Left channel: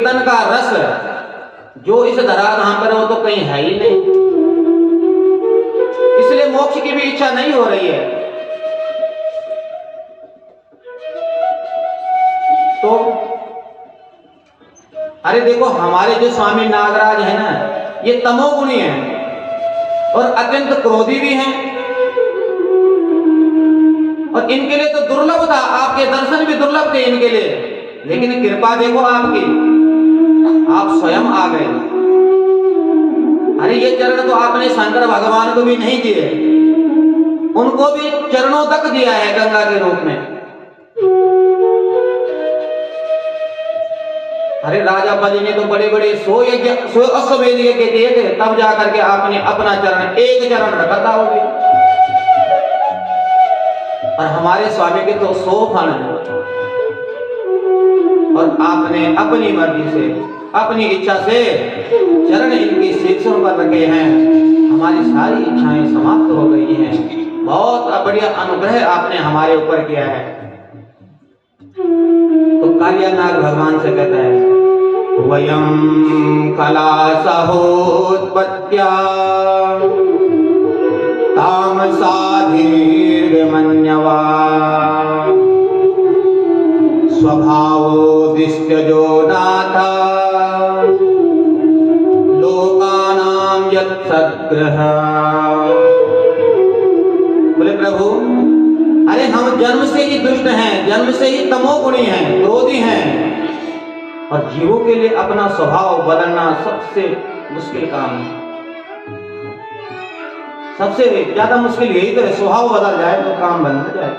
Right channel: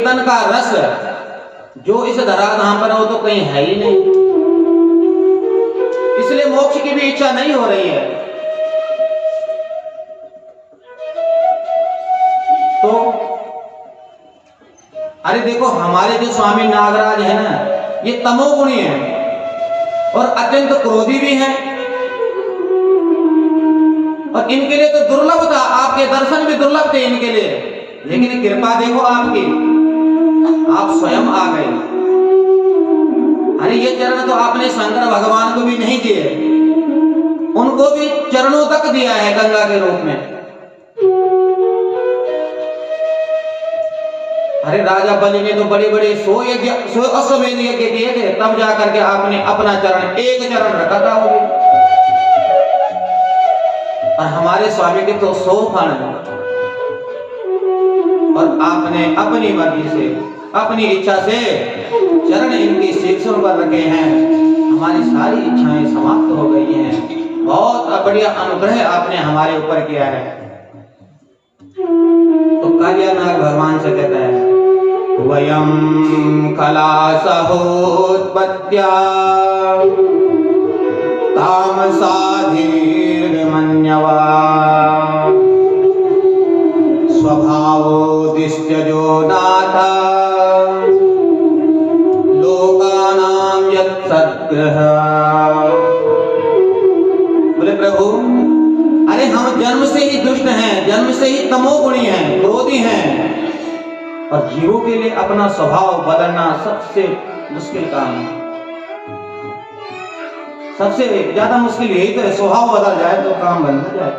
कीर्तन का रस जो इस धराधाम पर हो तो कहीं है ही नहीं, इसलिए मोक्ष की भी इच्छा नहीं हो रही है। तो अरे देखो, हमारे जो स्वामी नागराज है ना, ये तमोगुणी हैं और अत्यंत क्रोधी भी हैं, और इनके लिए तो दुर्लभ था, आपके दर्शन भी दुर्लभ थे इनके लिए, लेकिन कृपा देखो आपकी, आप स्वयं आ गए। अरे ये चरण तो आपने शंकर भगवान को भी नहीं दिए, उनको भी चरणों तक दिया है गंगा के रूप में। अरे राजा बलि ने तो बड़े बड़े 100 अश्वमेध यज्ञ किए थे, तब जाकर के आपने अपना चरण, एक चरण रखा था वो भी। और हमारे स्वामी के तो 100 फण है, और आपने अपनी मर्जी से, अपनी इच्छा से चरण इनकी शीर्षों पर रखे हैं, हमारी सारी इच्छाएं समाप्त हो गई हैं। बहुत बढ़िया अनुग्रह आपने हमारे ऊपर किया है। तो कालियानाग भगवान से कहता है, वयं कलासहोत्पत्त्या तामसा दीर्घमन्यवा स्वभावोदिष्टयो नाथ लोकानां यत्सद्ग्रह। बोले प्रभु, अरे हम जन्म से ही दुष्ट हैं, जन्म से ही तमोगुणी हैं, क्रोधी हैं, और जीवों के लिए अपना स्वभाव बदलना सबसे मुश्किल काम है। सबसे ज्यादा मुश्किल यही तो है, स्वभाव बदल जाए तो काम बन जाए।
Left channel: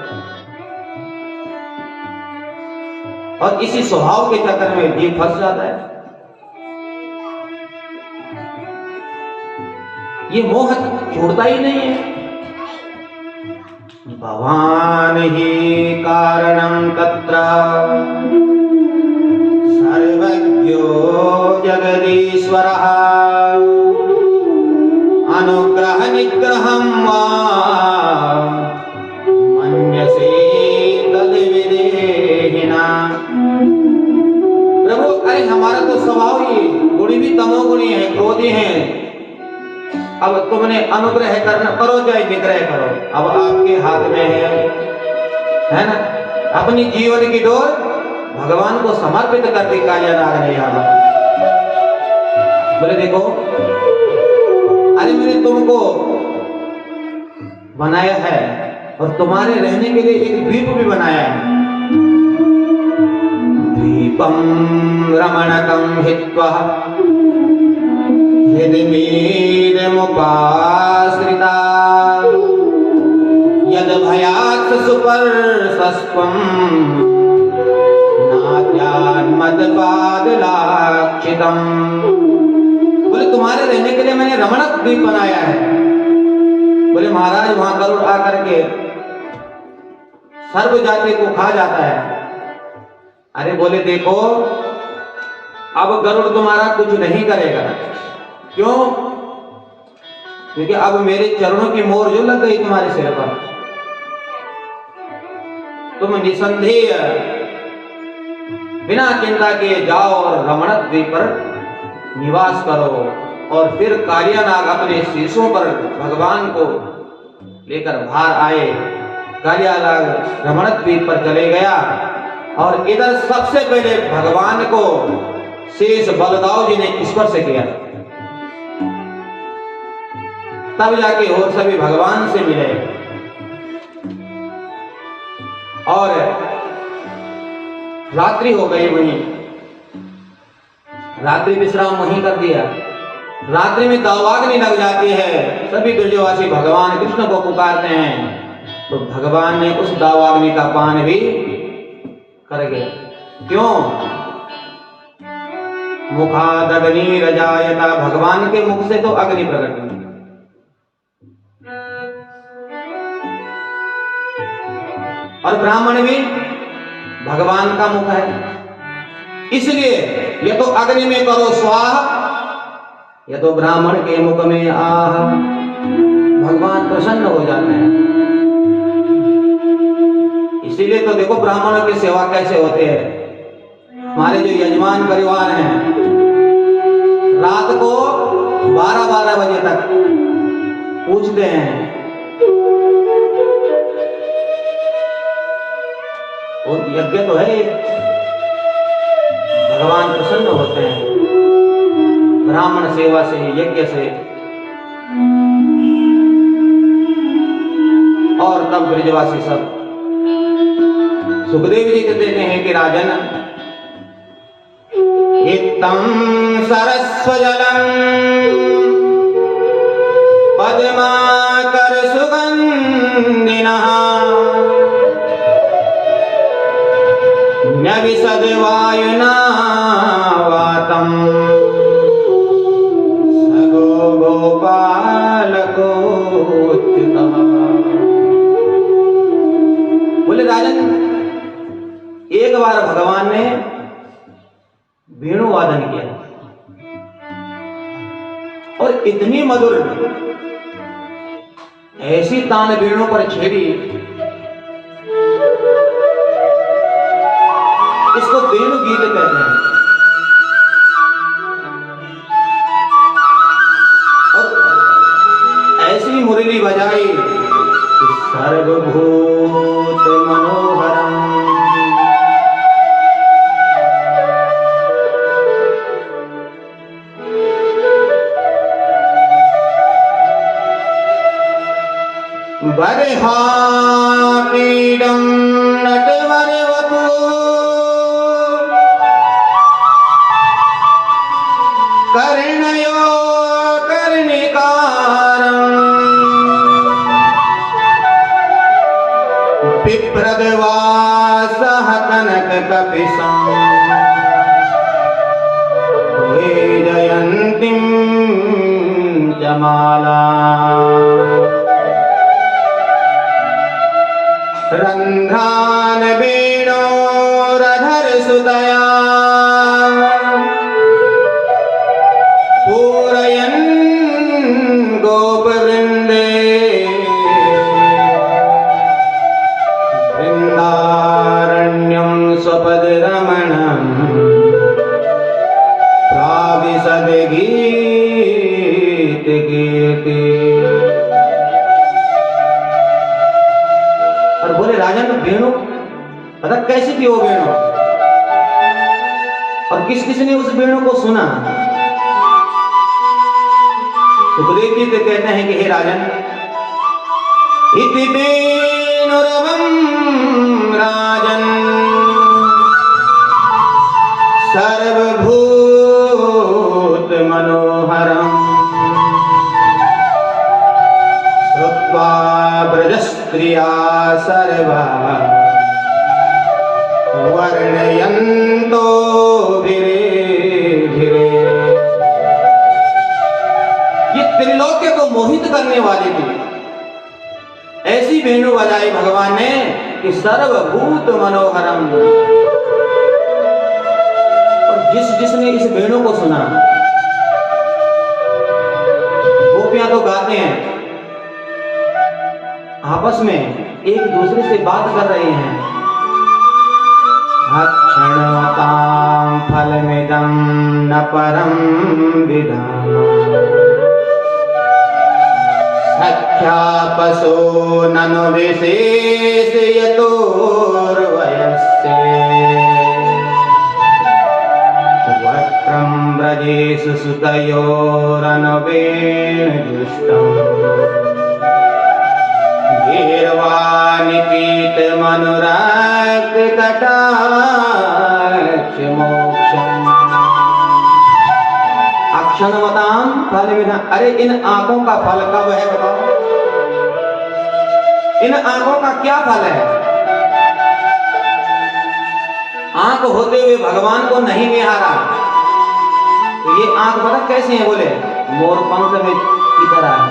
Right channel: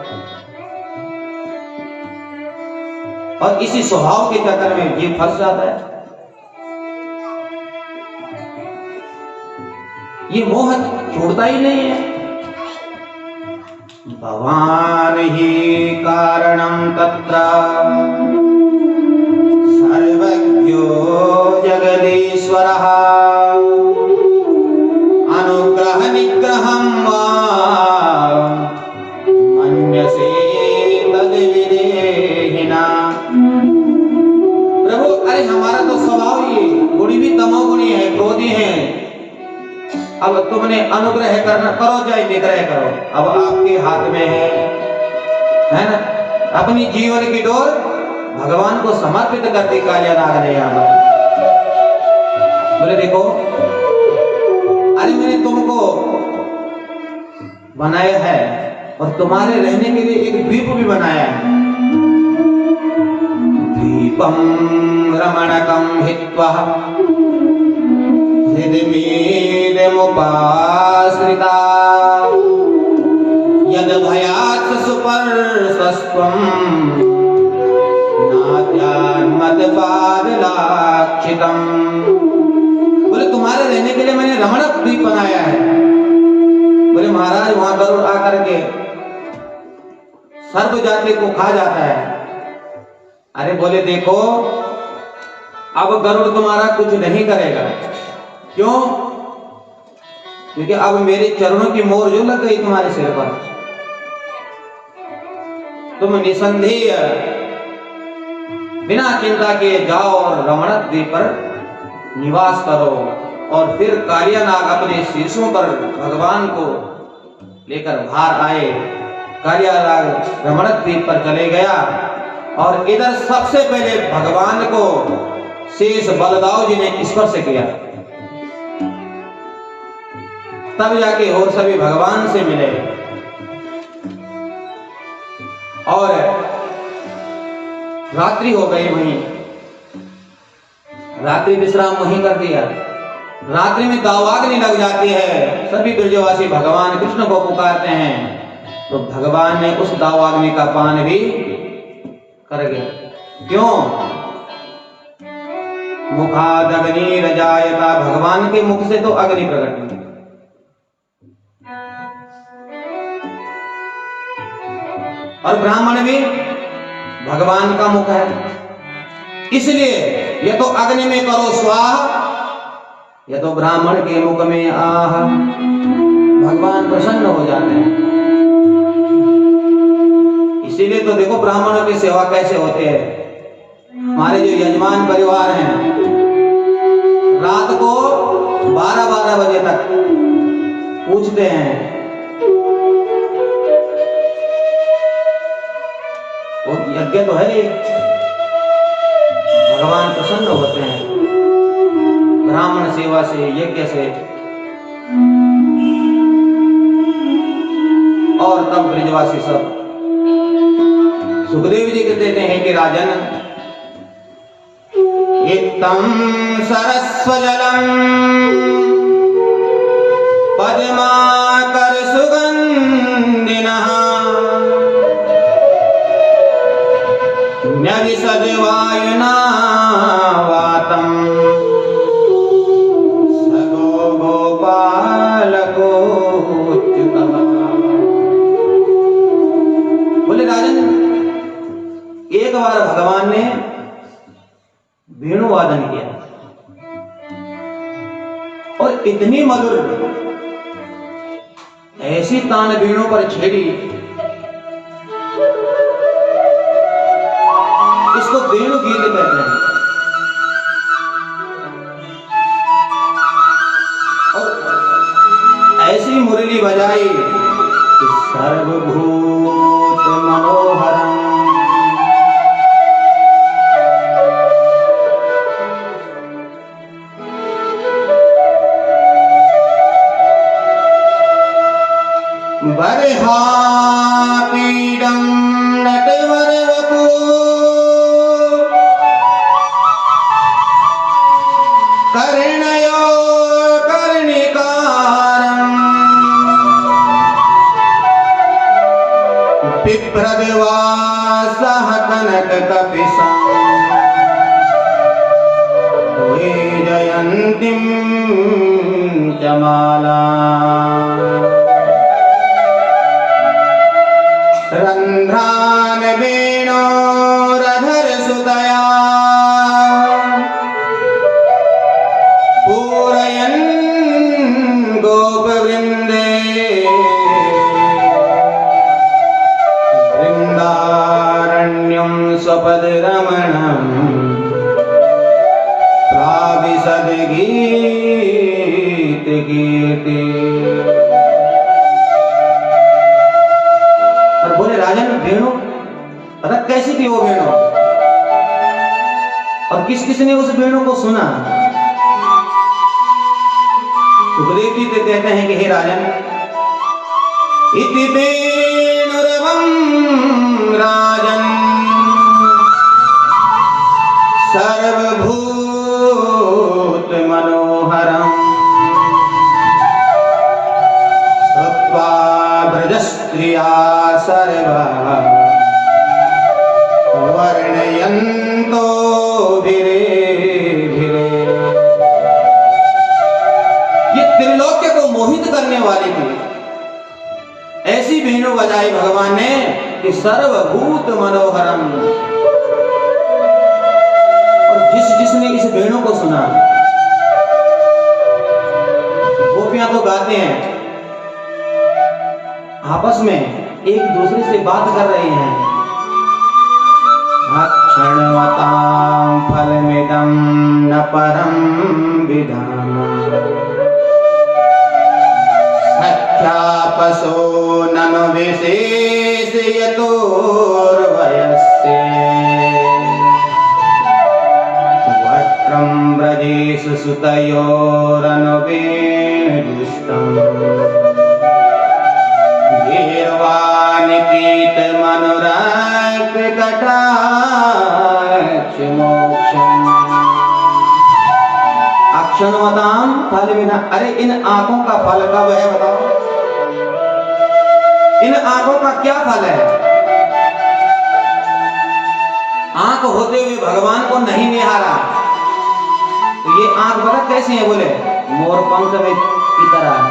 और इसी स्वभाव के चक्कर में जीव फंस जाता है। ये मोह छोड़ता ही नहीं है। भवान ही कारणं तत्र सर्वज्ञो जगदीश्वरः अनुग्रह निग्रहं वा मन्यसे तद्विदेहिना। प्रभु, अरे हमारा तो स्वभाव ही गुणी भी तमोगुणी है, क्रोधी है। अब तुमने अनुग्रह करना, करो चाहे निग्रह करो, अब आपके हाथ में है ना। अपनी जीवन की डोर भगवान को समर्पित कर दी कालियानाग ने यहाँ पर। बोले देखो, अरे मैंने तुमको बनाया है और तुम्हारे रहने के लिए एक द्वीप भी बनाया है। द्वीपम रमणकं हित्वा हृदयमुपाश्रिता यद भयात् सुपर्शस्त्वं मदपादलाक्षितम्। बोले तुम्हारे रहने के लिए मैंने रमणक द्वीप बनाया है। बोले महाराज, वहां गरुड़ आकर के सर्व जाति को खा जाता है। अरे बोले देखो, अब गरुड़ तुम्हारा कुछ नहीं करेगा। क्यों? क्योंकि अब मेरे चरणों की मोहर जो लग गई तुम्हारे सिर पर, तुम निसंदेह बिना चिंता के जाओ और रमणक द्वीप पर निवास करो। और फिर कालियानाग अपने शीशों पर भगवान को लेकर बाहर आए। कालियानाग रमणक द्वीप पर चले गया और इधर सबसे पहले भगवान को शेष बलदाऊ जी ने स्पर्श किया, तब जाके और सभी भगवान से मिले। और रात्रि हो गई, वहीं रात्रि विश्राम वहीं कर दिया। रात्रि में दावाग्नि लग जाती है, सभी ब्रजवासी भगवान कृष्ण को पुकारते हैं, तो भगवान ने उस दावाग्नि का पान भी कर गया। क्यों? मुखादग्नि रजायता, भगवान के मुख से तो अग्नि प्रकट हुई। और ब्राह्मण भी भगवान का मुख है, इसलिए ये तो अग्नि में करो स्वाहा, ये तो ब्राह्मण के मुख में आह। भगवान प्रसन्न हो जाते हैं। इसीलिए तो देखो ब्राह्मणों की सेवा कैसे होते हैं। हमारे जो यजमान परिवार हैं रात को 12-12 बजे तक पूछते हैं, वो यज्ञ तो है, भगवान प्रसन्न होते हैं ब्राह्मण सेवा से, यज्ञ से। और तब ब्रजवासी सब सुखदेव जी को देते हैं कि राजन, इत्थं सरस्वजलं पद्माकर सुगंधिनः नविसद्वायुना वातं सगो गोपालकोच्युतः। बोले राजन, एक बार भगवान ने वेणु वादन किया और इतनी मधुर ऐसी तान वेणु पर छेड़ी, इसको वेणु गीत कहते हैं। और ऐसी मुरली बजाई कि सर्वभूत मनोहरम। बर्हापीडं नटवरवपु कर्णयो कर्णिकारम् बिभ्रद्वासः कनककपिशं वैजयन्तीं च माला रन्ध्रान् वेणोरधरसुतया पूरयन् गोपवृन्दे वृन्दारण्यं स्वपदरमणं प्राविशद्गीतकीर्ति। और बोले राजन, वेणु पता कैसी थी वो वेणु, और किस किस ने उस वेणु को सुना? सुखदेव जी कहते हैं कि हे राजन, इति वेणुरवं राजन सर्वभूत मनोहरम् श्रुत्वा ब्रजस्त्रिया सर्वा वर्णयन्तो भिरे भिरे। ये त्रिलोक्य को मोहित करने वाली थी, ऐसी वेणु बजाई भगवान ने कि सर्वभूत मनोहरम। और जिसने इस वेणु को सुना, गोपियां तो गाते हैं, आपस में एक दूसरे से बात कर रहे हैं। क्षणवतां फलमिदं न परं विधामा सख्यापसो ननु विशेषयतोर्वयस्य वक्त्रं ब्रजेषु सुतयोरनुवेणुजुष्टम् गीर्वाणिपीतमनुराग कटाक्ष मोक्षम्। अक्षणवतां फलमिदं, अरे इन आंखों का फल कब है बताओ? इन आंखों का क्या फल है? आंख होते हुए भगवान को नहीं निहारा, तो ये आंख पता कैसे है? बोले मोर पंख में की तरह है।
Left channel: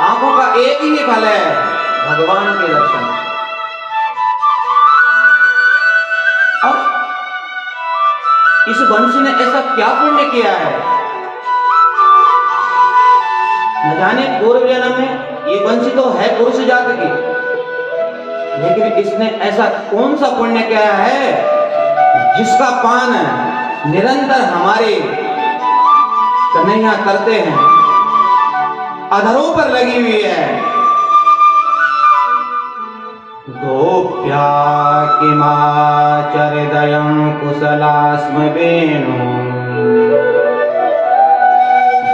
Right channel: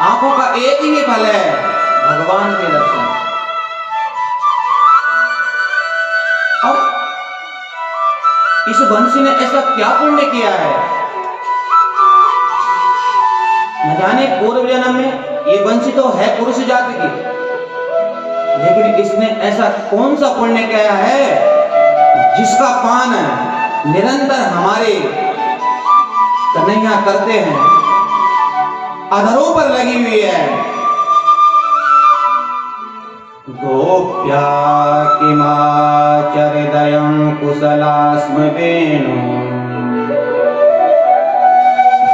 आंखों का एक ही फल है, भगवान के दर्शन। और इस बंसी ने ऐसा क्या पुण्य किया है? न जाने पूर्व जन्म में, ये बंसी तो है पुरुष जाति की, लेकिन इसने ऐसा कौन सा पुण्य किया है जिसका पान निरंतर हमारे कन्हैया करते हैं, अधरों पर लगी हुई है। गोप्या किमाचरिदयं कुशलास्म वेणु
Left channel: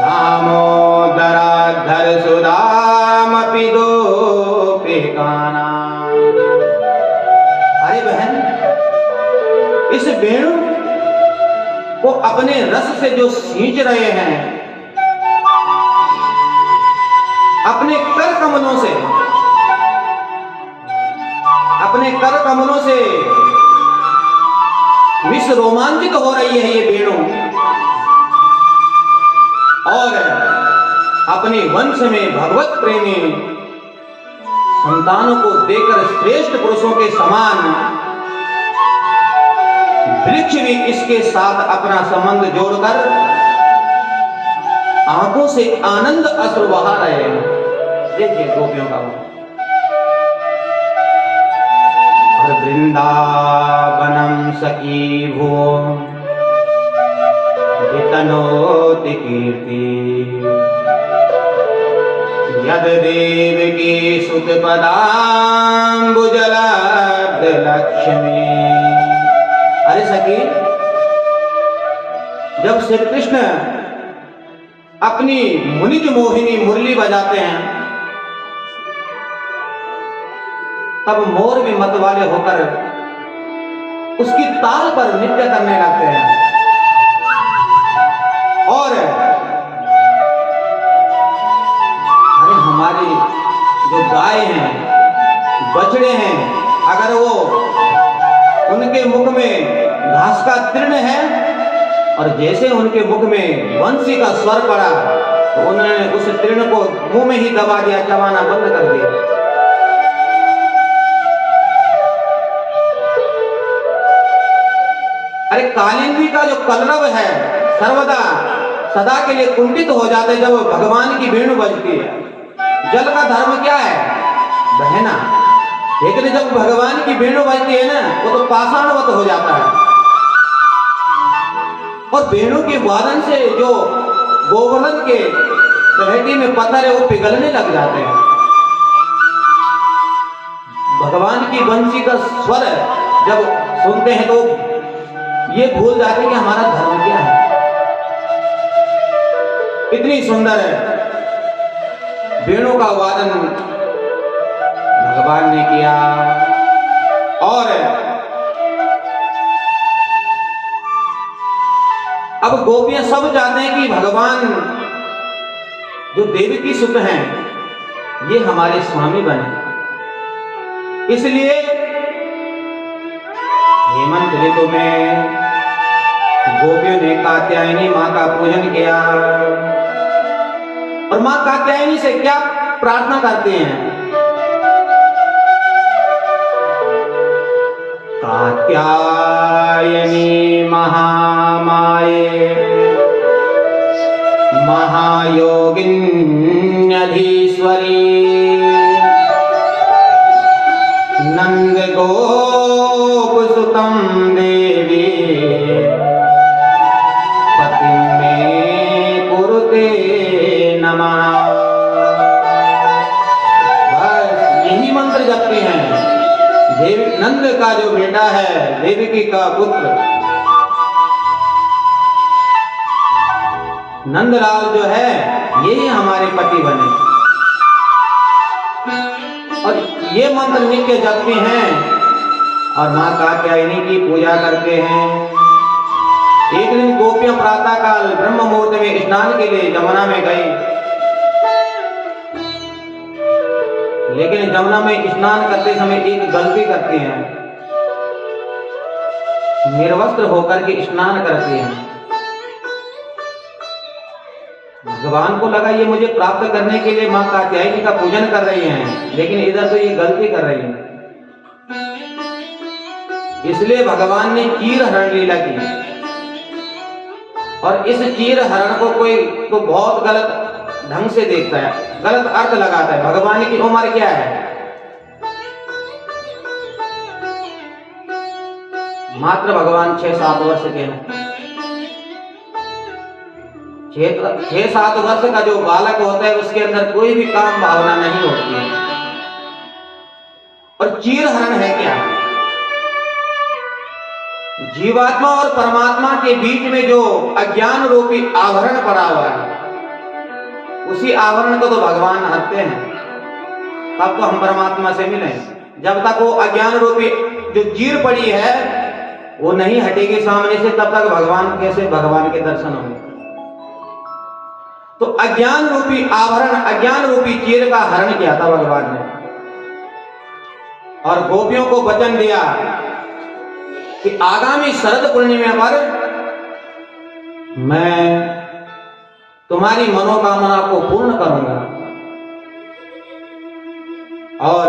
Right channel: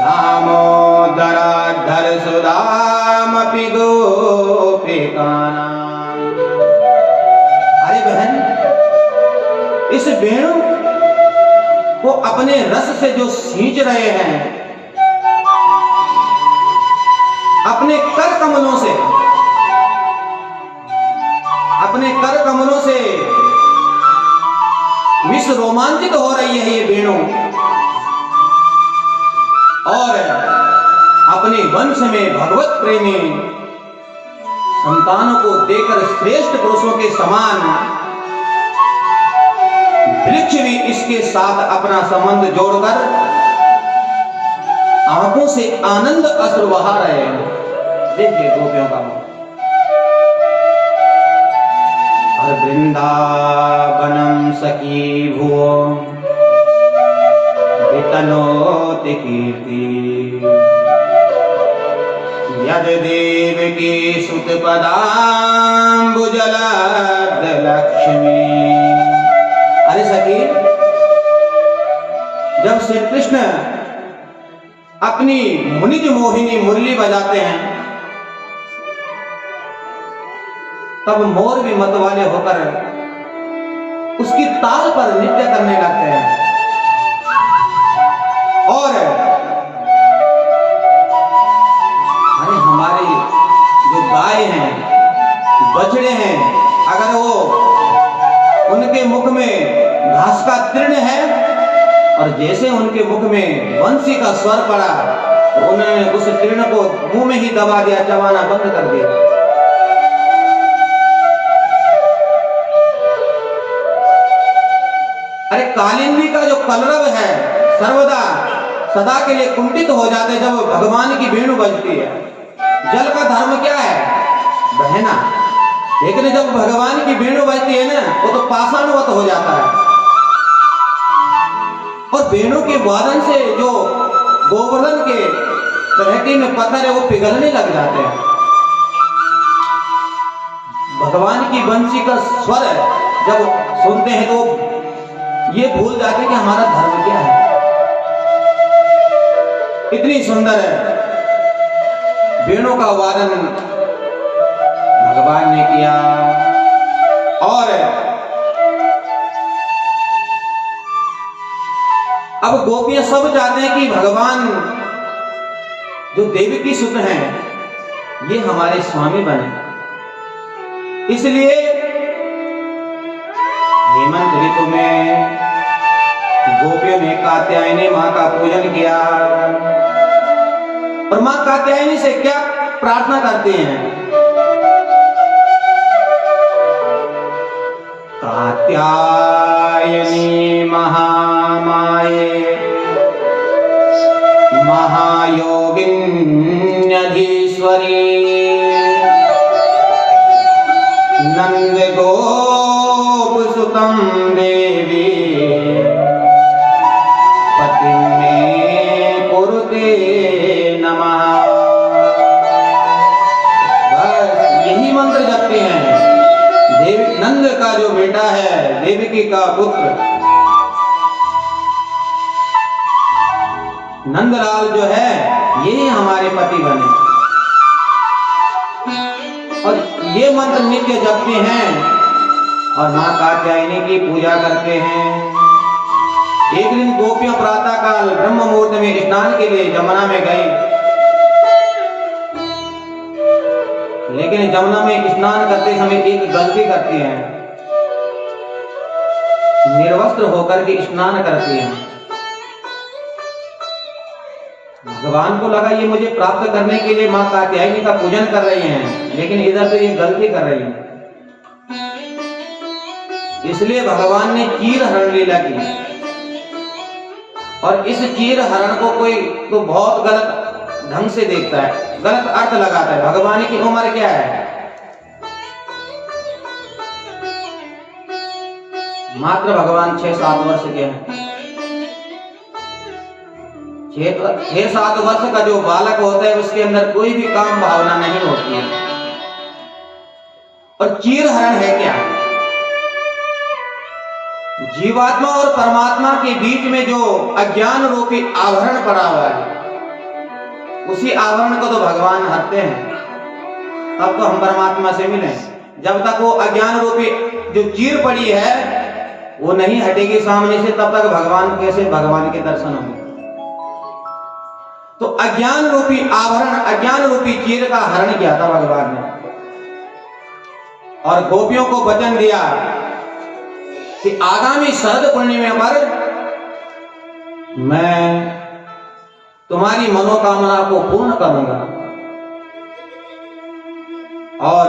दामोदराधर सुदामपि गोपिकानां। अरे बहन, इस वेणु को अपने रस से जो सींच रहे हैं, अपने कर कमलों से, अपने कर कमलों से विश्व रोमांचित हो रही है ये वेणु, और अपने वंश में भगवत प्रेमी संतानों को देकर श्रेष्ठ पुरुषों के समान वृक्ष भी इसके साथ अपना संबंध जोड़कर आंखों से आनंद अश्रु बहा रहे हैं। देखिए गोपियों का मुंह। हर वृंदावनम सखी भुवो वितनोति कीर्ति यद देवकी सुत पदाम्बुजलब्ध लक्ष्मी। अरे सखी, जब श्री कृष्ण अपनी मुनिज मोहिनी मुरली बजाते हैं, तब मोर भी मत वाले होकर उसकी ताल पर नृत्य करने लगते हैं। और अरे हमारी जो गाय हैं, बछड़े हैं, अगर वो उनके मुख में घास का तृण है और जैसे उनके मुख में बंसी का स्वर पड़ा तो उन्होंने उस तृण को मुंह में ही दबा दिया, चबाना बंद कर दिया। अरे कालिंदी का जो कलरव है सर्वदा सदा के लिए कुंठित हो जाते जब भगवान की वेणु बजती है। जल का धर्म क्या है? बहना। लेकिन जब भगवान की वेणु बजती है ना, वो तो पाषाणवत हो जाता है। और वेणु के वादन से जो गोवर्धन के तलहटी में पत्थर है वो पिघलने लग जाते हैं। भगवान की बंसी का स्वर जब सुनते हैं तो ये भूल जाते हैं कि हमारा धर्म क्या है। इतनी सुंदर है वेणु का वादन भगवान ने किया। और अब गोपियां सब चाहते हैं कि भगवान जो देवकी सुत हैं ये हमारे स्वामी बने। इसलिए हेमंत ऋतु में गोपियों ने कात्यायनी मां का पूजन किया। और मां कात्यायनी से क्या प्रार्थना करते हैं? कात्यायनी महामाये महायोगिन्यधीश्वरी नंद गोपसुतं देवी पतिं मे कुरुते नमः। बस यही मंत्र जपते हैं। देव नंद का जो बेटा है, देवकी का पुत्र नंदलाल जो है, यही हमारे पति बने। और ये मंत्र नित्य जपते हैं और मां कात्यायनी की पूजा करते हैं। एक दिन गोपियां प्रातः काल ब्रह्म मुहूर्त में स्नान के लिए जमुना में गई, लेकिन जमुना में स्नान करते समय एक गलती करती हैं, निर्वस्त्र होकर के स्नान करती हैं। भगवान को लगा ये मुझे प्राप्त करने के लिए मां कात्यायनी का पूजन कर रही हैं, लेकिन इधर तो ये गलती कर रही हैं। इसलिए भगवान ने चीर हरण लीला की। और इस चीर हरण को कोई तो बहुत गलत ढंग से देखता है, गलत अर्थ लगाता है। भगवान की उम्र क्या है? मात्र भगवान 6-7 वर्ष के हैं। 6-7 वर्ष का जो बालक होता है उसके अंदर कोई भी काम भावना नहीं होती है। और चीर हरण है क्या? जीवात्मा और परमात्मा के बीच में जो अज्ञान रूपी आवरण पड़ा हुआ है, उसी आवरण को तो भगवान हटते हैं, तब तो हम परमात्मा से मिले। जब तक वो अज्ञान रूपी जो चीर पड़ी है वो नहीं हटेगी सामने से, तब तक भगवान कैसे भगवान के दर्शन होंगे? तो अज्ञान रूपी आवरण, अज्ञान रूपी चीर का हरण किया था भगवान ने, और गोपियों को वचन दिया कि आगामी शरद पूर्णिमा पर मैं तुम्हारी मनोकामना को पूर्ण करूंगा। और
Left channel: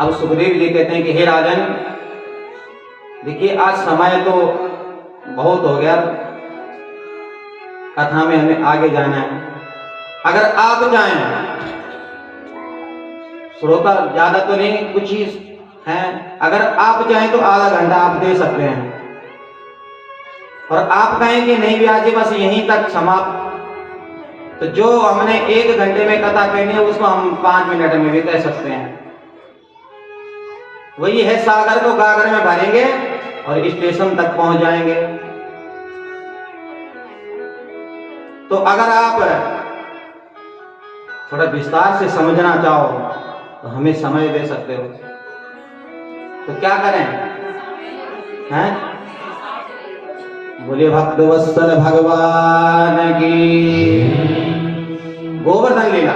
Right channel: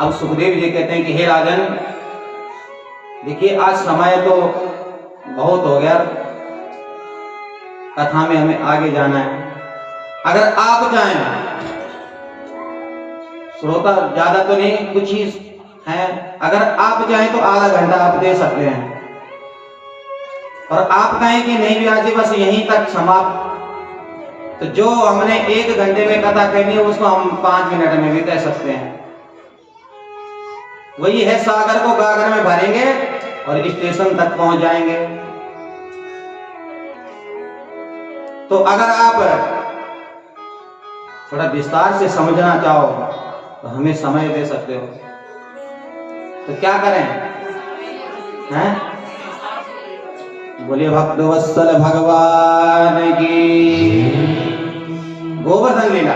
अब सुखदेव जी कहते हैं कि हे राजन, देखिए आज समय तो बहुत हो गया, कथा में हमें आगे जाना है। अगर आप चाहें, श्रोता ज्यादा तो नहीं, कुछ ही हैं, अगर आप चाहें तो आधा घंटा आप दे सकते हैं, और आप कहें कि नहीं भी आज बस यहीं तक समाप्त, तो जो हमने 1 घंटे में कथा कहनी है उसको हम 5 मिनट में भी कह सकते हैं। वही है, सागर को गागर में भरेंगे और स्टेशन तक पहुंच जाएंगे। तो अगर आप थोड़ा विस्तार से समझना चाहो तो हमें समय दे सकते हो। तो क्या करें? हैं? बोले भक्त वत्सल भगवान की। गोवर्धन लीला,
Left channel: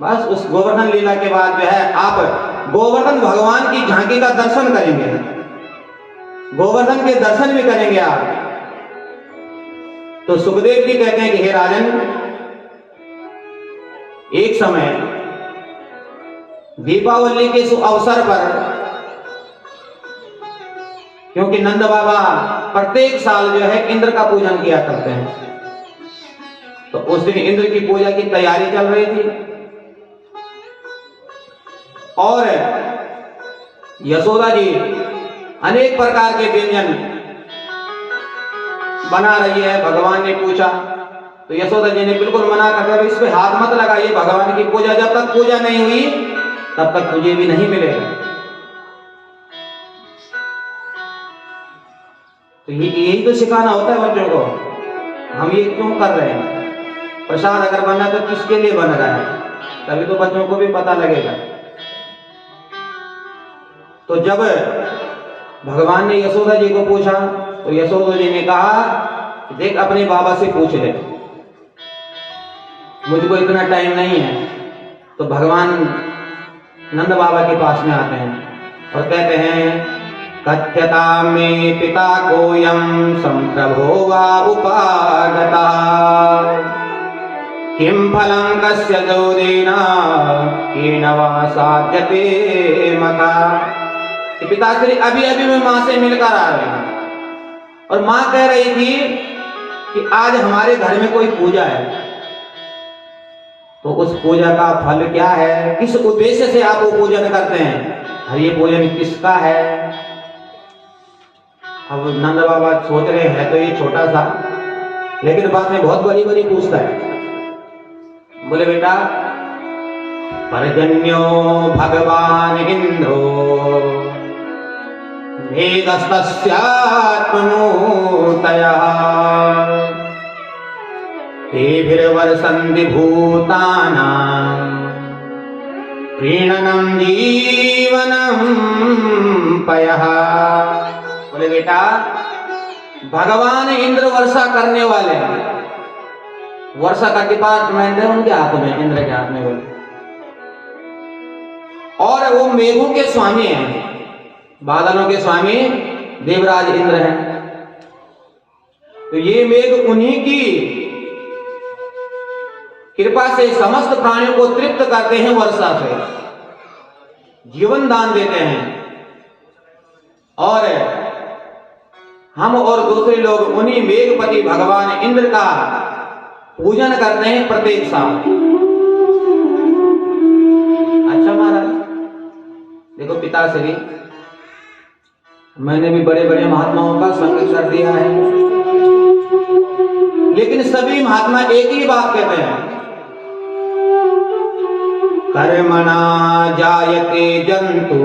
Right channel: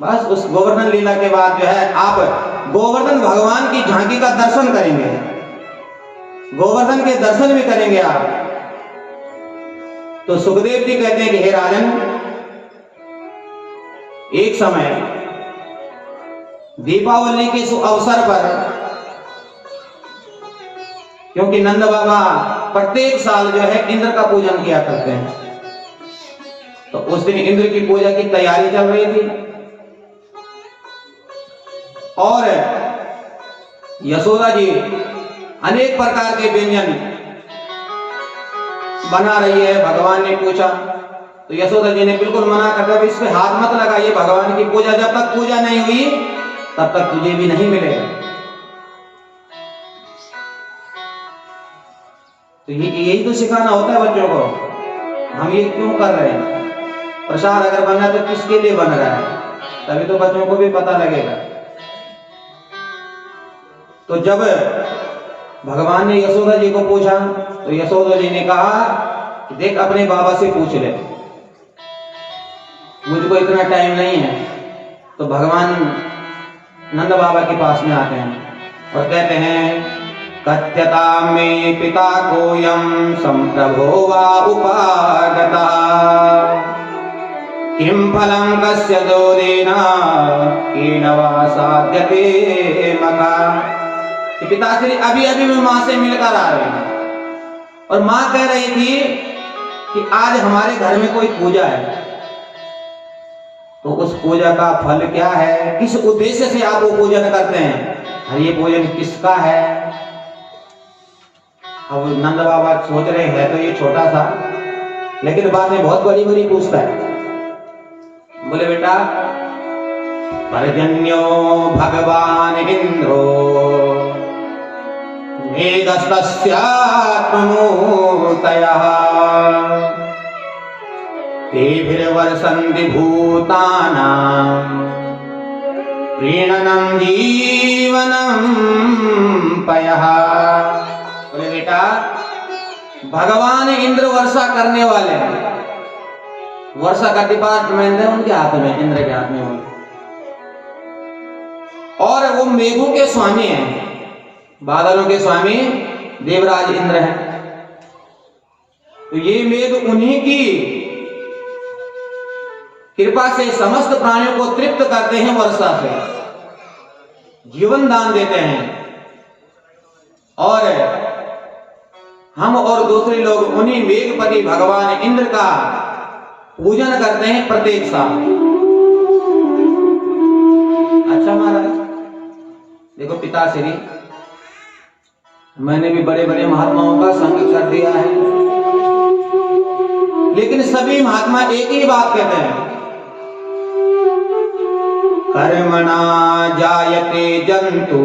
बस उस गोवर्धन लीला के बाद जो है आप गोवर्धन भगवान की झांकी का दर्शन करेंगे, गोवर्धन के दर्शन भी करेंगे आप। तो सुखदेव जी कहते हैं कि हे राजन, एक समय दीपावली के अवसर पर, क्योंकि नंद बाबा प्रत्येक साल जो है इंद्र का पूजन किया करते हैं, तो उस दिन इंद्र की पूजा की तैयारी चल रही थी, और यशोदा जी अनेक प्रकार के व्यंजन बना रही है। भगवान ने पूछा तो यशोदा जी ने बिल्कुल मना कर दिया, इस पे हाथ मत लगाइए, भगवान की पूजा जब तक पूजा नहीं हुई तब तक तुझे भी नहीं मिलेगा। तो यही तो सिखाना होता है बच्चों को, हम ये क्यों कर रहे हैं? प्रसाद अगर बनना तो किसके लिए बन रहा है, तभी तो बच्चों को भी पता लगेगा। तो जब भगवान ने यशोदा जी को पूछा तो यशोदा जी ने कहा कि देख अपने बाबा से पूछ ले, मुझको इतना टाइम नहीं है। तो भगवान नंद बाबा के पास में आते हैं और कहते हैं, कथ्यता में पिता कोयम संप्रभो वा उपागता, किम फलम कस्य जोदेना केन वा साध्यते मका। कि पिताश्री अभी अभी मैं माँ से मिलकर आ रहे हैं, और माँ कह रही थी कि आज हमारे घर में कोई पूजा है, तो उस पूजा का फल क्या है, किस उद्देश्य से आप वो पूजन करते हैं, और ये पूजन किसका है। अब नंद बाबा सोच रहे हैं तो ये छोटा सा, लेकिन बात में बहुत बड़ी बड़ी पूछता है। बोले बेटा, पर्जन्यो भगवान इंद्रो मेदस्तस्यात्ममूर्तयः तेभिर्वर्षन्ति भूतानां प्रीणनं जीवनं पयः। बोले बेटा, भगवान इंद्र वर्षा करने वाले हैं, वर्षा का डिपार्टमेंट है उनके हाथ में, इंद्र के हाथ में। बोले और वो मेघों के स्वामी हैं, बादलों के स्वामी देवराज इंद्र हैं। तो ये मेघ उन्हीं की कृपा से समस्त प्राणियों को तृप्त करते हैं, वर्षा से जीवन दान देते हैं, और हम और दूसरे लोग उन्हीं मेघपति भगवान इंद्र का पूजन करते हैं प्रत्येक साल। अच्छा महाराज, देखो पिताश्री, मैंने भी बड़े बड़े महात्माओं का संग कर दिया है, लेकिन सभी महात्मा एक ही बात कहते हैं, कर्मणा जायते जंतु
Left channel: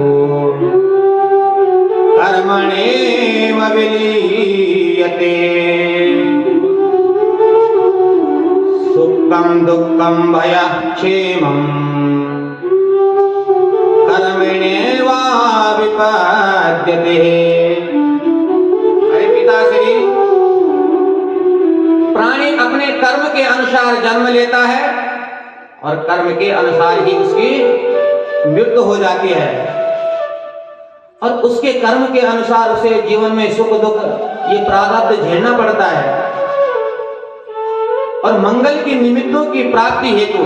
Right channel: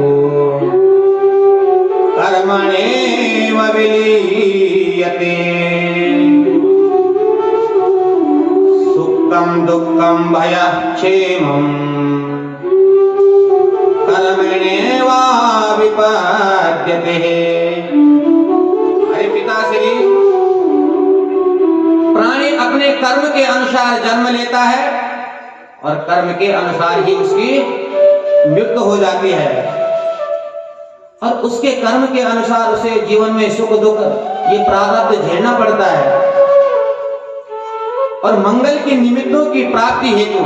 कर्मणेव विलीयते, सुखं दुःखं भयं क्षेमं कर्मणेव विपद्यते। अरे पिताश्री, प्राणी अपने कर्म के अनुसार जन्म लेता है और कर्म के अनुसार ही उसकी मृत्यु हो जाती है, और उसके कर्म के अनुसार उसे जीवन में सुख दुख ये प्रारब्ध झेलना पड़ता है। और मंगल की निमित्तों की प्राप्ति हेतु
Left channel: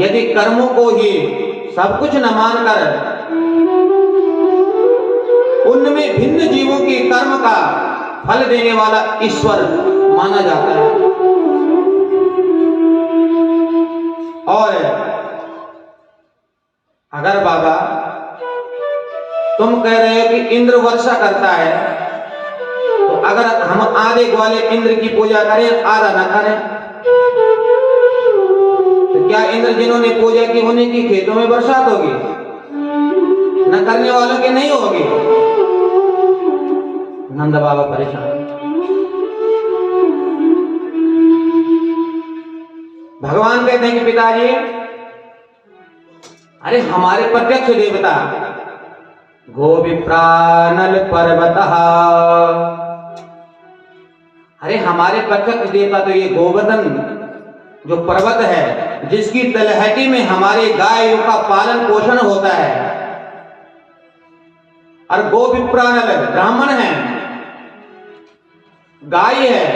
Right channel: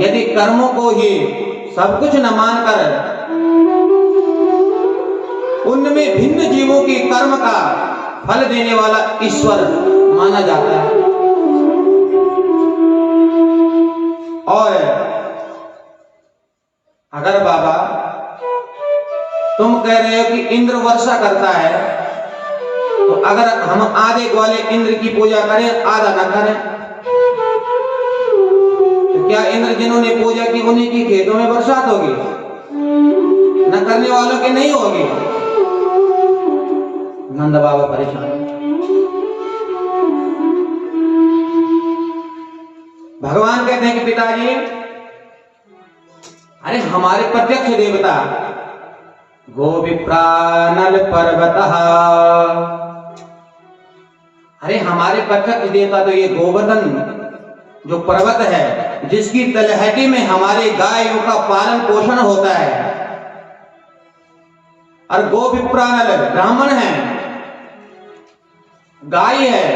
यदि कर्मों को ही सब कुछ न मानकर उनमें भिन्न जीवों के कर्म का फल देने वाला ईश्वर माना जाता है, और अगर बाबा तुम कह रहे हो कि इंद्र वर्षा करता है, तो अगर हम आधे ग्वाले इंद्र की पूजा करें आधा न करें, तो क्या इंद्र जिन्होंने पूजा की उन्हीं की खेतों में बरसात होगी? न करने वालों के नहीं होगी। नंद बाबा परेशान। भगवान कहते हैं कि पिताजी, अरे हमारे प्रत्यक्ष देवता गोविप्रानल पर्वतः, अरे हमारे प्रत्यक्ष देवता तो ये गोवर्धन जो पर्वत है, जिसकी तलहटी में हमारे गायों का पालन पोषण होता है, और गोविप्रानल ब्राह्मण है, गाय है,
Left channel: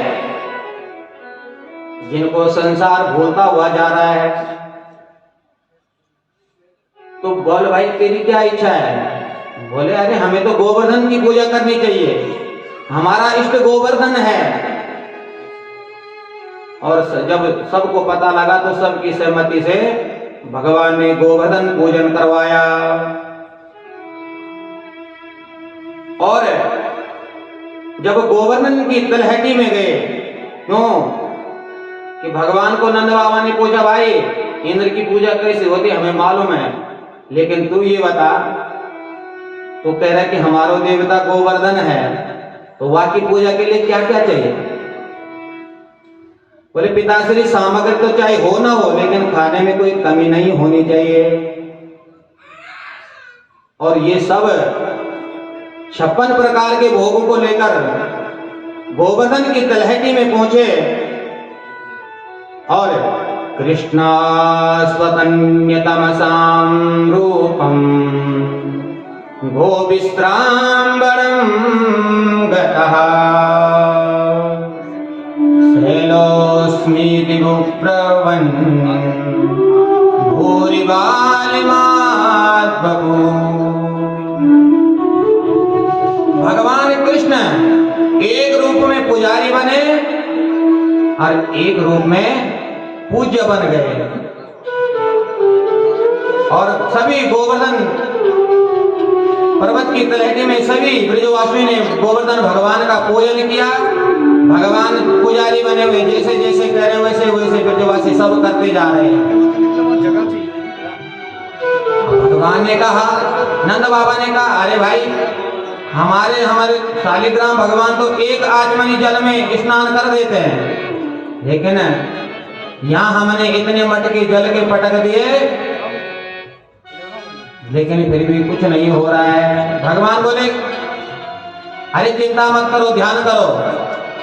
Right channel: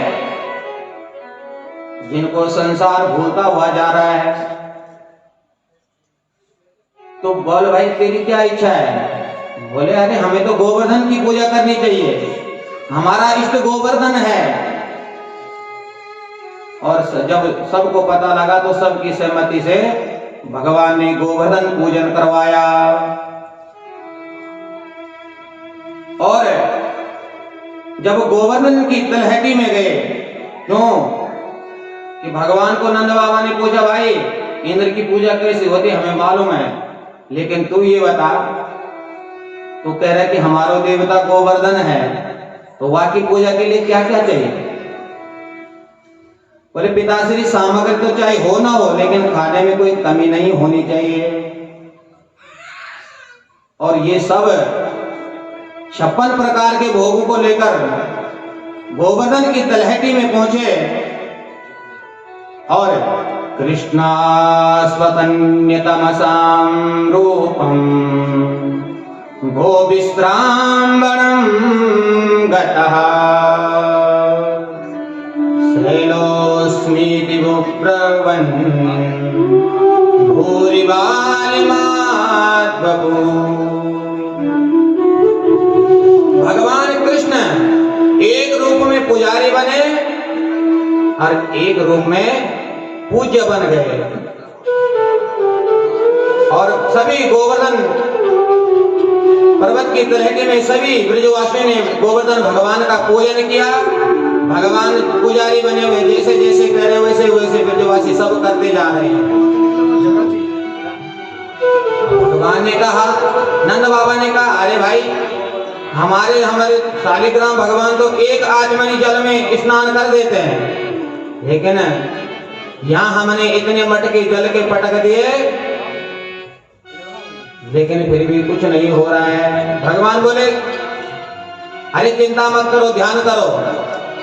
जिनको संसार भूलता हुआ जा रहा है। तो बोल भाई तेरी क्या इच्छा है? बोले अरे हमें तो गोवर्धन की पूजा करनी चाहिए, हमारा इष्ट गोवर्धन है। और जब सबको पता लगा तो सबकी सहमति से भगवान ने गोवर्धन पूजन करवाया। और जब गोवर्धन की तलहटी में गए, क्यों कि भगवान को नंद बाबा ने पूछा, भाई इंद्र की पूजा कैसे होती हमें मालूम है, लेकिन तू ये बता, तो कह रहा है कि हमारो देवता गोवर्धन है, तो वहां की पूजा के लिए क्या क्या चाहिए? बोले पिताश्री सामग्री तो चाहे हो ना हो, लेकिन खाने में कोई कमी नहीं होनी चाहिए। और ये सब 56 प्रकार के भोगों को लेकर गोवर्धन की तलहटी में पहुंचे, और कृष्णा स्वतन्यतमसां रूपम गोविस्त्रांबरं गतः शैलोस्मीति ब्रवन् भूरिबालिमाद्बभू। भगवान कृष्ण एक रूप में पुजारी बने और एक रूप में पूज्य बन गए, और सभी गोवर्धन पर्वत की तलहटी में सभी ब्रजवासियों ने गोवर्धन भगवान का पूजन किया। भगवान पुजारी बने हुए, जैसे जैसे कह रहे वैसे वैसे ब्रजवासी सब करते जा रहे हैं। भगवान ने कहा, नंद बाबा ने कहा, अरे भाई हमारे शालिग्राम भगवान तो एक आचमनी जल में स्नान कर देते हैं, लेकिन यहाँ हमने इतने मटके जल के पटक दिए, लेकिन फिर भी कुछ नहीं हो रहा है। भगवान बोले, अरे चिंता मत करो, ध्यान करो,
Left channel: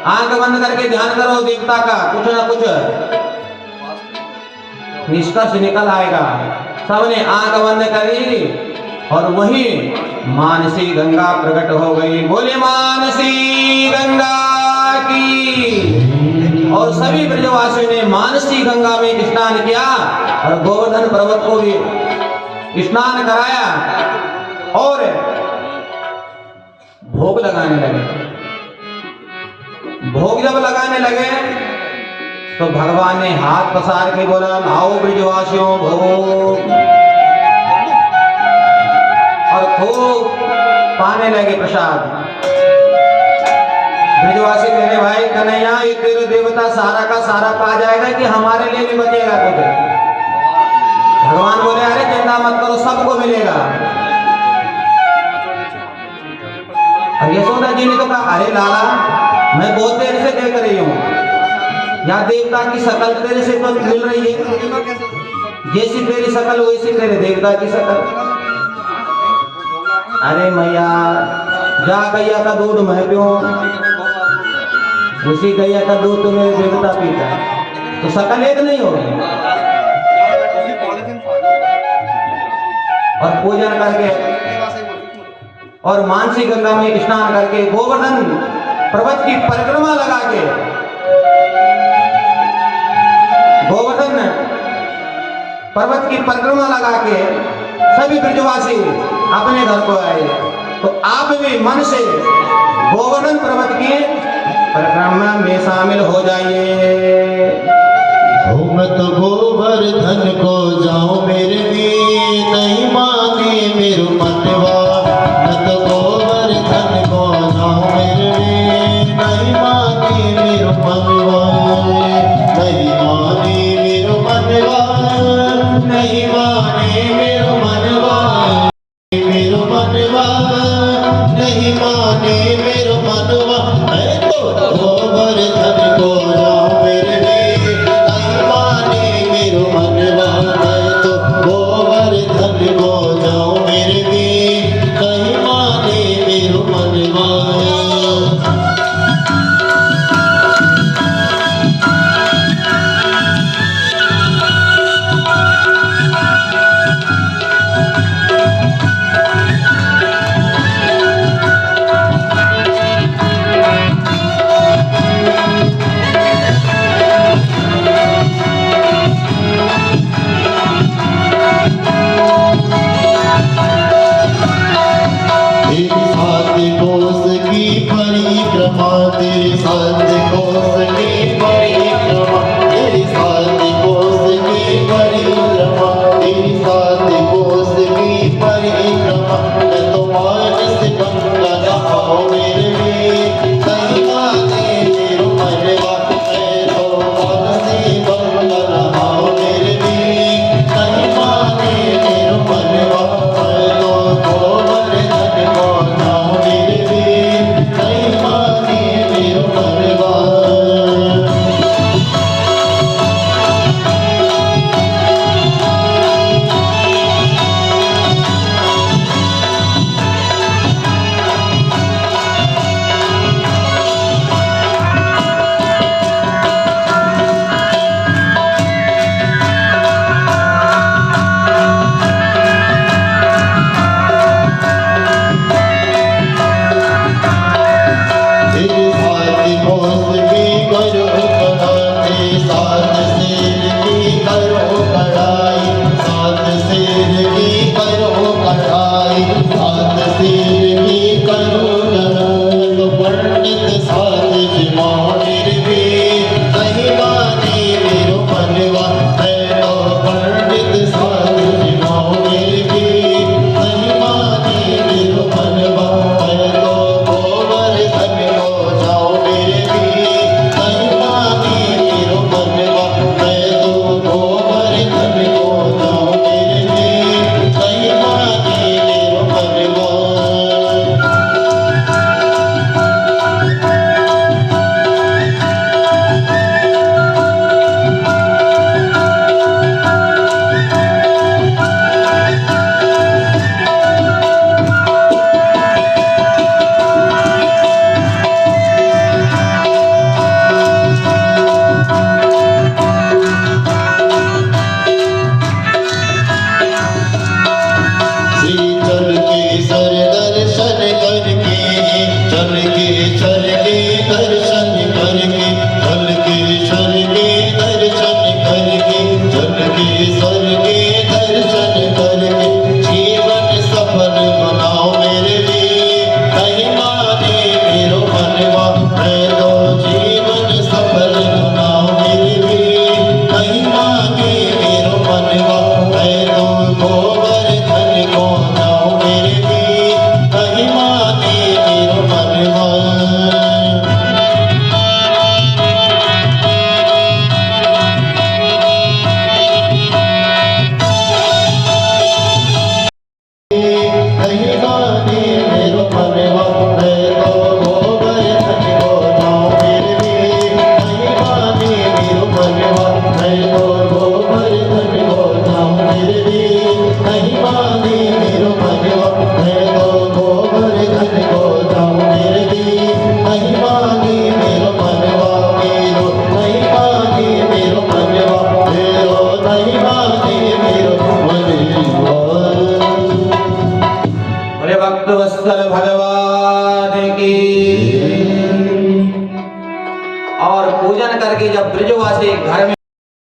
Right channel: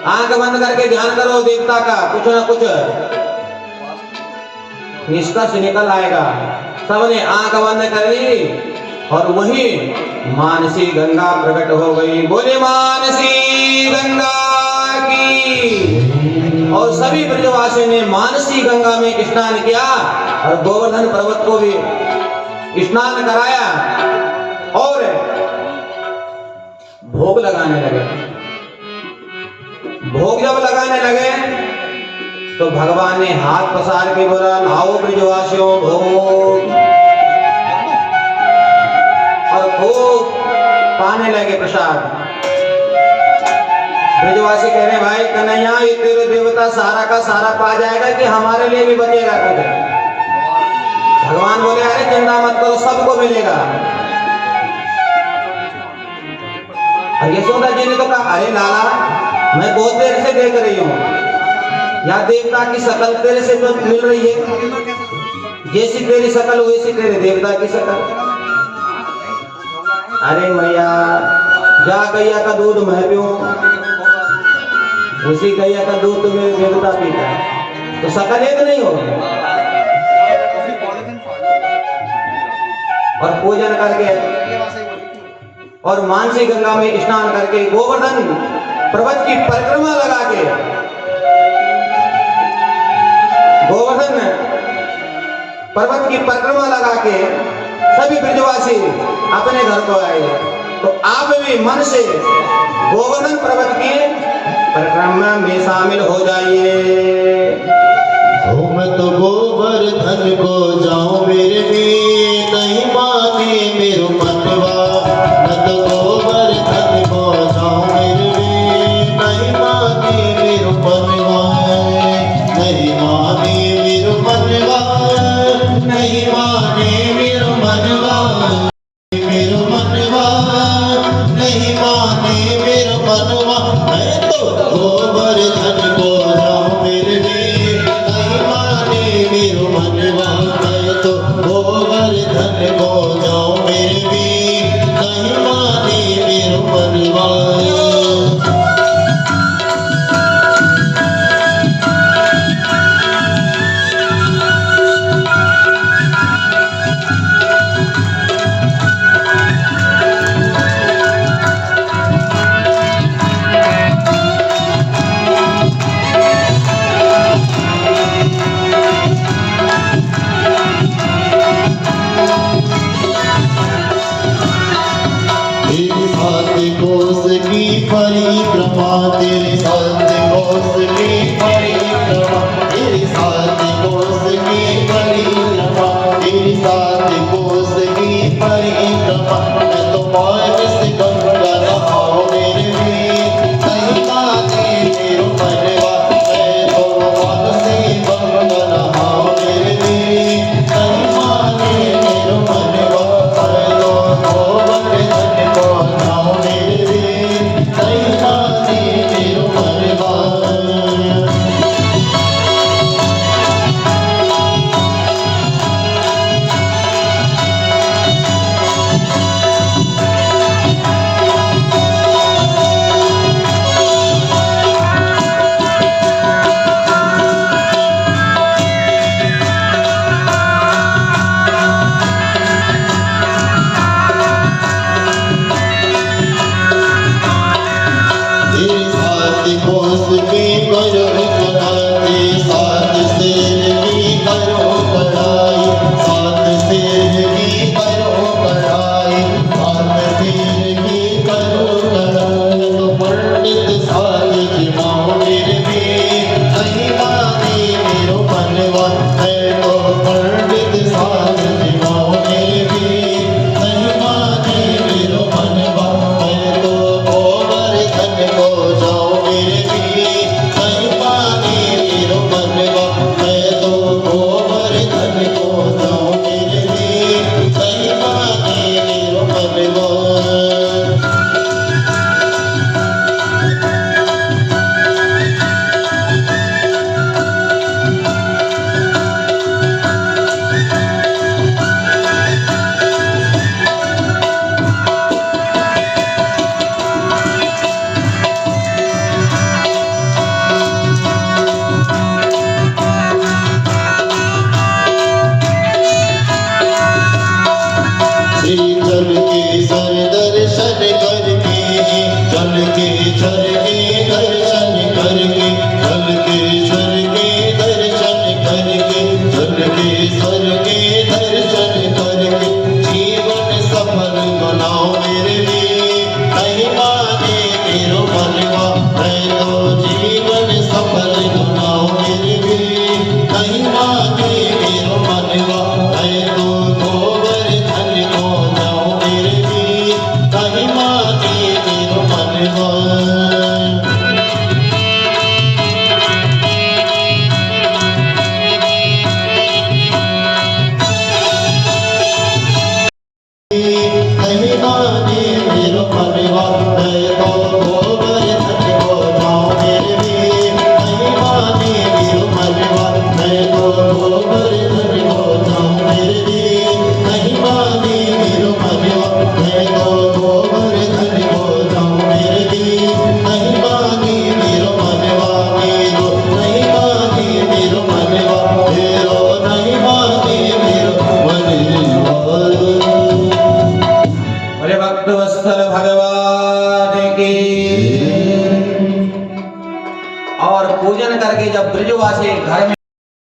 आंख बंद करके ध्यान करो देवता का, कुछ ना कुछ निष्कर्ष निकल आएगा। सबने आंख बंद कर ली, और वही मानसी गंगा प्रकट हो गई। बोले मानसी गंगा की। और सभी ब्रजवासी ने मानसी गंगा में स्नान किया, और गोवर्धन पर्वत को भी स्नान कराया, और भोग लगाने लगे। भोग जब लगाने लगे तो भगवान ने हाथ पसार के बोला, लाओ ब्रजवासियों भोग। और खूब पाने लगे प्रसाद। ब्रजवासी कह रहे भाई कन्हैया ये तेरे देवता सारा का सारा पा जाएगा कि हमारे लिए भी बचेगा कुछ? भगवान बोले अरे चिंता मत करो सबको मिलेगा। और यशोदा जी ने तो कहा अरे लाला मैं बहुत देर से देख रही हूँ या देवता की शकल तेरे से तो मिल रही है, जैसी तेरी शकल वैसी तेरे देवता की शकल। अरे मैया जा गैया का दूध मैं पीऊं, उसी गैया का दूध तो मेरे देवता पीता, तो शकल एक नहीं होगी। और पूजन करके और मानसी गंगा में स्नान करके गोवर्धन पर्वत की परिक्रमा लगा के गोवर्धन पर्वत की परिक्रमा लगा के सभी ब्रजवासी अपने घर को आए। तो आप भी मन से गोवर्धन पर्वत की परिक्रमा में शामिल हो जाइए। मत गोवर्धन को जाओ मेरे भी नहीं माने मेरो मनवा, मत गोवर्धन को जाओ मेरे भी नहीं माने मेरो मनवा, नहीं माने मेरो मनवा, नहीं माने मेरो मनवा, मेरो मनवा नहीं माने मेरो मनवा। मैं तो गोवर्धन को जाऊं मेरे भी नहीं माने मेरो मनवा, मैं तो गोवर्धन को जाऊं मेरे भी नहीं माने मेरो मनवा। तेरे साथ कोस की परिक्रमा, तेरे साथ कोस की परिक्रमा, तेरे साथ कोस की परिक्रमा, तेरे साथ कोस की परिक्रमा। मैं तो मानस गंगा नहाऊं मेरे वीर नहीं माने मेरो मनवा, मैं तो मानस गंगा नहाऊं मेरे वीर नहीं माने मेरो मनवा। मैं तो गोवर्धन को जाऊं मेरे वीर नहीं माने मेरो मनवा। तेरे साथ कोस की करो कढ़ाई, साथ शेर की करो कढ़ाई, साथ शेर की करो कढ़ाई, साथ शेर की करो कढ़ाई। तो पंडित साथ जमाओ मेरे वीर नहीं माने मेरो मनवा, मैं तो पंडित साथ जमाओ मेरे वीर नहीं माने मेरो मनवा। मैं तो गोवर्धन को जाओ मेरे वीर नहीं माने मेरो मनवा, मैं तो गोवर्धन को जाओ मेरे वीर नहीं माने मेरो मनवा। श्री चल के सर दर्शन करके, चल के सर के दर्शन करके, चल के सर के दर्शन करके, चल के सर के दर्शन करके जीवन सफल बनाओ मेरे वीर नहीं माने मेरो मनवा। मैं तो जीवन सफल बनाओ मेरे वीर नहीं माने मेरो मनवा। मैं तो गोवर्धन को जाऊं मेरे वीर नहीं माने के घर में